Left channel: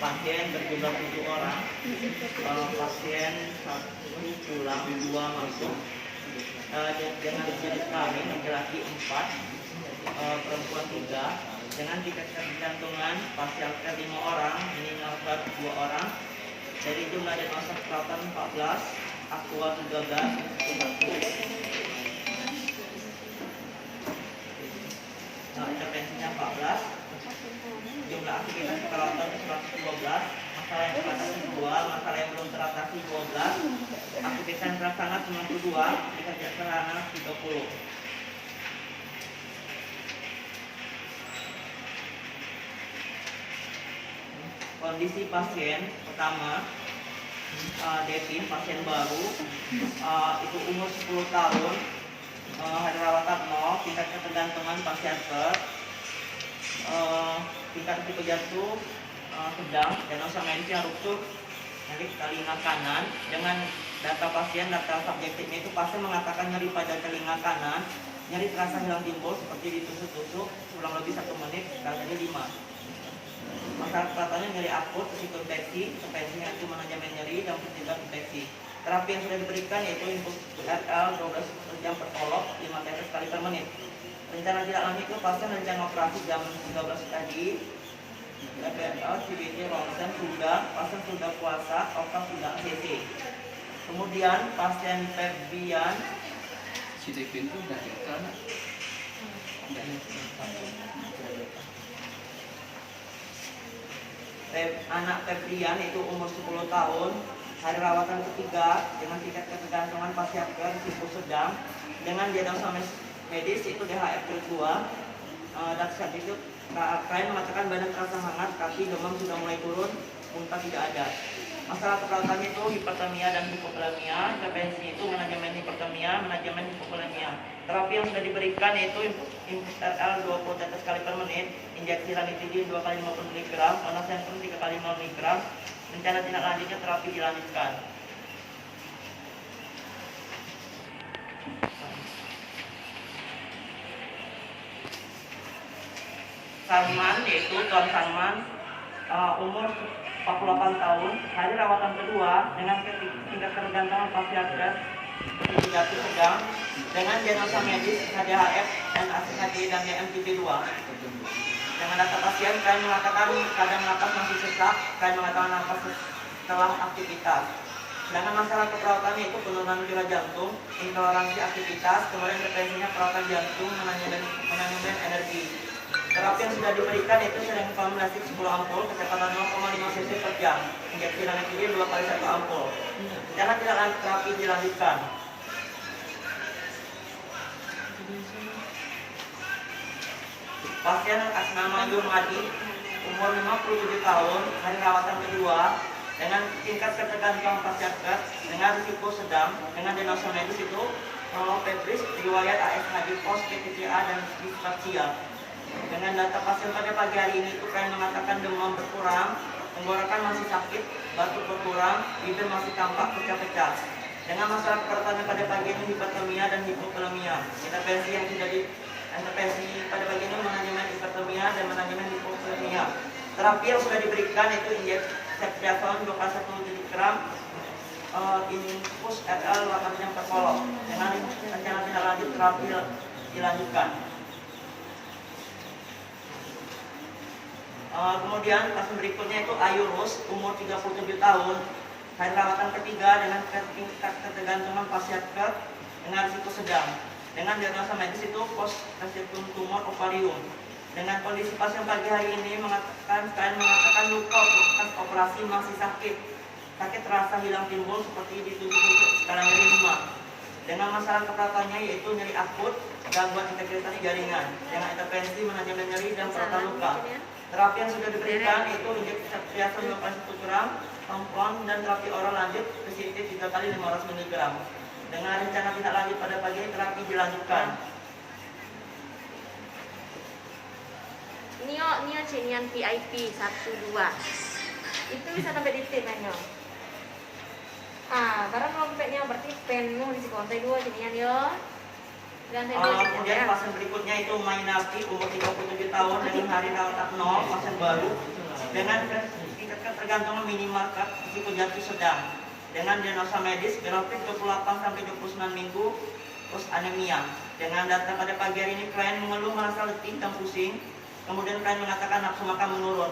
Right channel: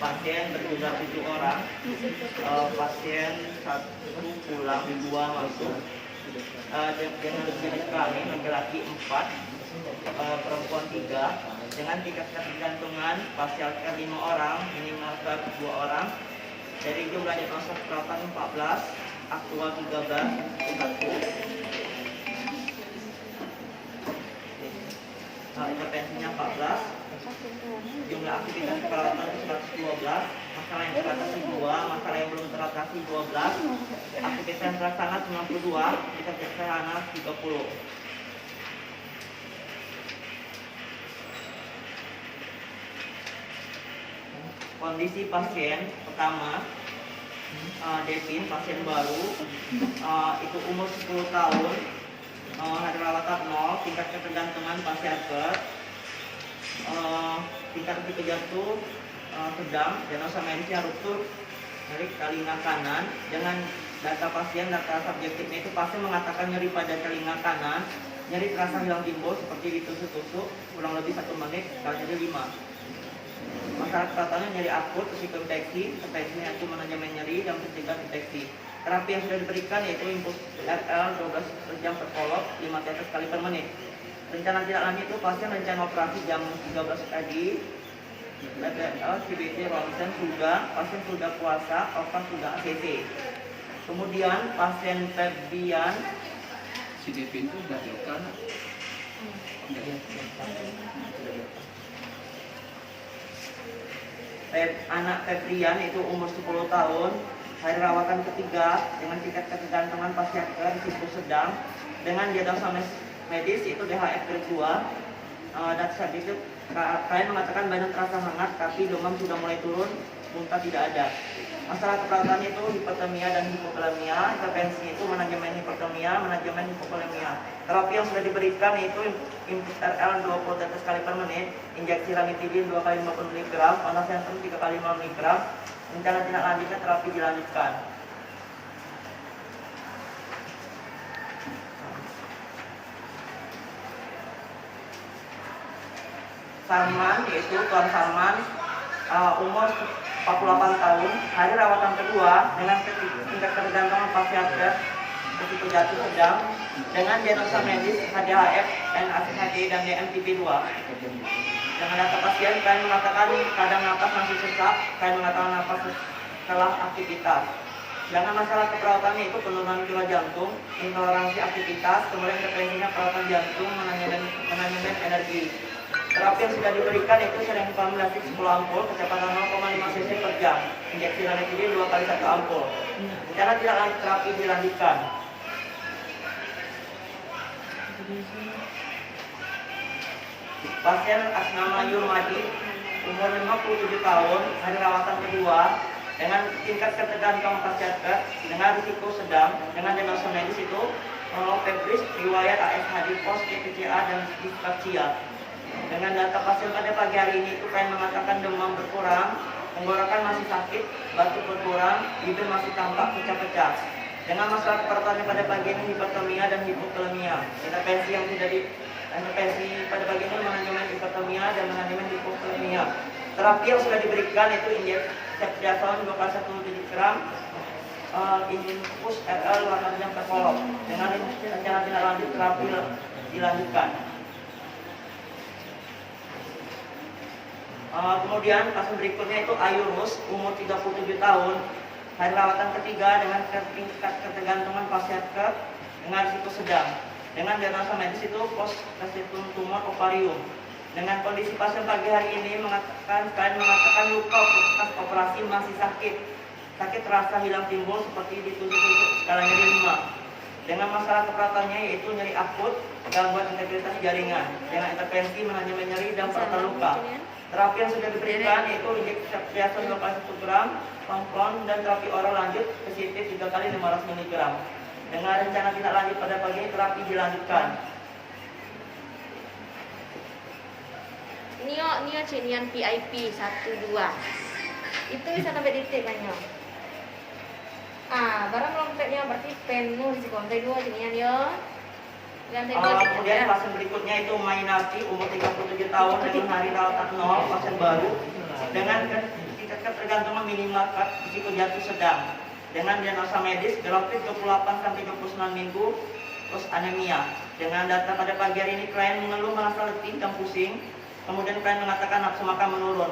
pasien berjumlah 7 orang, pasien 1 pulang, 2 masuk. Dengan jenis kelamin laki-laki 4, perempuan 3. Dengan tingkat ketergantungan pasial care 5 orang, minimal care 2 orang. Dari jumlah diagnosa perawatan 14, aktual 13, intervensinya 14, jumlah aktivitas perawatan 112, masalah yang teratasi 2, masalah yang belum teratasi 12, aktivitas yang terlaksana 92, aktivitas yang terlaksana 30. Kondisi pasien pertama, Devin, pasien baru, itu umur 10 tahun, hari rawatan 0, tingkat ketergantungan pasien tingkat risiko jantung sedang, diagnosa medisnya ruptur nyeri telinga kanan. Dengan data pasien, data subjektifnya itu pasien mengatakan nyeri pada telinga kanan, nyeri terasa hilang timbul seperti ditusuk-tusuk kurang lebih 1 menit, kali 5. Masalah kepatahannya nyeri akut, risiko infeksi, intervensinya itu manajemen nyeri dan pencegahan infeksi. Terapi yang sudah diberikan yaitu impuls RL 12 jam per kolok, 5 tetes kali per menit. Rencana tidak lanjut itu pasien rencana operasi jam 13 tadi, PPL, CBT, ronsen sudah, pasien sudah puasa, otak sudah ACC. Kemudian pasien Febrian, si Devin itu udah kan? Anak Febrian itu umur 10 tahun, hari rawatan ketiga dengan tingkat ketergantungan pasien care risiko sedang, dengan diagnosa medis itu DHF grade 2, dan saat itu klien mengatakan badan terasa hangat tapi demam sudah mulai turun, muntah tidak ada. Masalah keperawatannya itu hipertermia dan hipokalemia, intervensinya itu manajemen hipertermia, manajemen hipokalemia. Terapi yang sudah diberikan yaitu impuls RL 20 tetes kali per menit, injeksi ranitidin 2 kali 50 mg, ondansetron 3 kali 5 mg. Rencana tindak lanjutnya terapi dilanjutkan. Salman, yaitu Tuan Salman, umur 48 tahun, hari rawatan kedua dengan tingkat ketergantungan pasien care risiko jatuh sedang, dengan diagnosa medis HJHF, NACHD dan DMTB 2. Dengan data pasien, klien mengatakan kadang napas masih sesak, klien mengatakan napas setelah aktivitas. Dengan masalah keperawatannya itu penurunan gula jantung, intoleransi aktivitas, kemudian intervensinya perawatan jantung, manajemen energi. Terapi yang sudah diberikan itu sering formulasi 10 ampul, kecepatan 0,5 cc per jam, injeksi ranitidin 2 kali 1 ampul. Rencana tidak lanjut terapi dilanjutkan. Pasien atas nama Yurmadi, umur 57 tahun, hari rawatan kedua, dengan tingkat ketergantungan pasien care dengan risiko sedang, dengan diagnosa medis itu febris, riwayat ASHD post PTCA dan dispepsia. Dengan data pasien pada pagi hari ini itu klien mengatakan demam berkurang, tenggorokan masih sakit, batuk berkurang, bibir masih tampak pecah-pecah. Dengan masalah keperawatannya pada pagi ini hipertermia dan hipokalemia. Intervensi yang sudah intervensi pada pagi ini manajemen hipertermia dan manajemen hipokalemia. Terapi yang sudah diberikan itu injeksi ceftriaxone 2 kali 1 mg, impuls RL 8 jam per kolok. Dengan rencana tindak lanjut terapi dilanjutkan. Kemudian pasien berikutnya itu Ayurus, umur 37 tahun, hari rawatan ketiga dengan tingkat ketergantungan pasien care dengan risiko sedang, dengan diagnosa medis itu post resectum tumor ovarium. Dengan kondisi pasien pagi hari ini klien mengatakan luka bekas operasi masih sakit terasa hilang timbul seperti ditusuk-tusuk skala nyeri 5. Dengan masalah keperawatannya yaitu nyeri akut, gangguan integritas jaringan, dengan intervensi manajemen nyeri dan perawatan luka. Terapi yang sudah diberikan yaitu injeksi ceftriaxone 2 kali 1 gram, kompon, dan terapi oral lanjut PCT 3 kali 500 mg. Dengan rencana tindak lanjut pada pagi ini terapi dilanjutkan. Nio Cenian PIP 12 itu bisa sampai di T banyak. Barang lompetnya berarti penuh di kontai 2 Cenian yo. Kemudian pasien berikutnya itu Mainarti, umur 37 tahun dengan hari rawatan 0, pasien baru dengan tingkat tingkat tergantungan minimal risiko jatuh sedang dengan diagnosa medis grafik 28 sampai 29 minggu terus anemia. Dengan data pada pagi hari ini klien mengeluh merasa letih dan pusing, kemudian klien mengatakan nafsu makan menurun.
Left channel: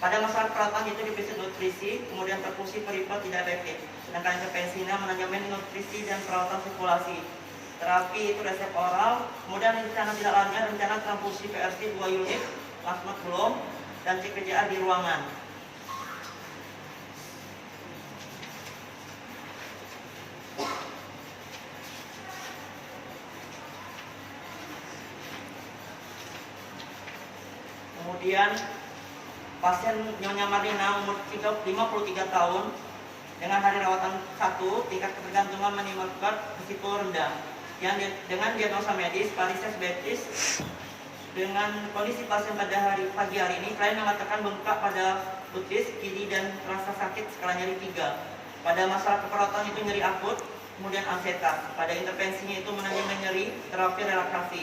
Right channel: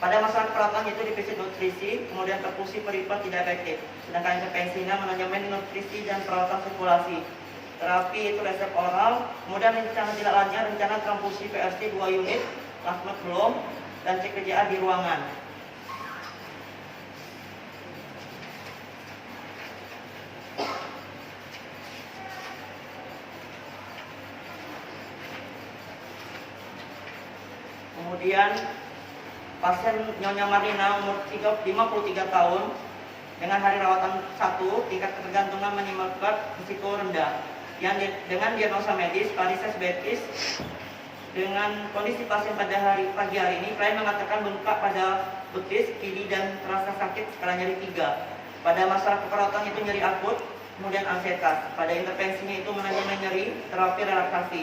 Pada masalah perawatan itu defisit nutrisi, kemudian perfusi peripheral tidak efektif. Sedangkan intervensinya manajemen nutrisi dan perawatan sirkulasi. Terapi itu resep oral, kemudian rencana tidak lanjut, rencana transfusi PRC 2 unit, plasma belum, dan cek kerjaan di ruangan. Kemudian pasien Nyonya Marina umur 53 tahun dengan hari rawatan 1, tingkat ketergantungan minimal risiko rendah. Yang dengan diagnosa medis varises betis. Dengan kondisi pasien pada pagi hari ini, klien mengatakan bengkak pada betis, kiri dan terasa sakit skala nyeri 3. Pada masalah keperawatan itu nyeri akut, kemudian ansetas. Pada intervensinya itu manajemen nyeri, terapi relaksasi.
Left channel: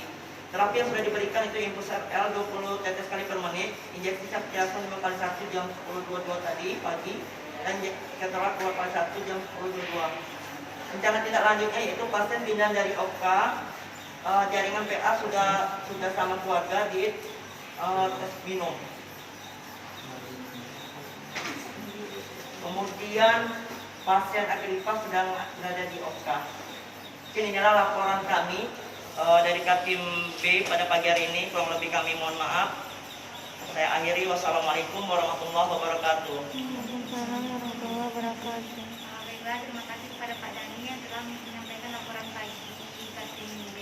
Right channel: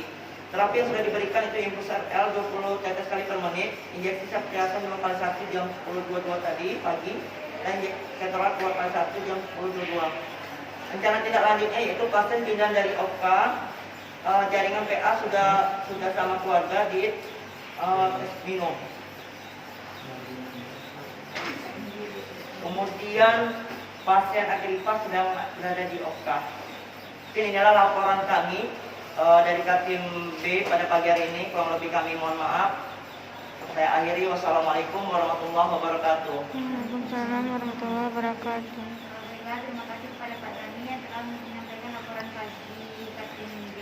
Terapi yang sudah diberikan itu infus L 20 tetes kali per menit, injeksi saptiasan 2 kali 1 jam 10.22 tadi pagi, dan keterat 2 kali 1 jam 10.22. Rencana tindak lanjutnya yaitu pasien pindah dari OPKA, jaringan PA sudah sama keluarga di tes minum. Kemudian pasien Agripa sedang berada di OPKA. Inilah laporan kami dari Katim B pada pagi hari ini. Kurang lebih kami mohon maaf. Saya akhiri. Wassalamualaikum warahmatullahi wabarakatuh. Waalaikumsalam warahmatullahi wabarakatuh. Alhamdulillah, terima kasih kepada Pak Dani yang telah menyampaikan laporan pagi Katim B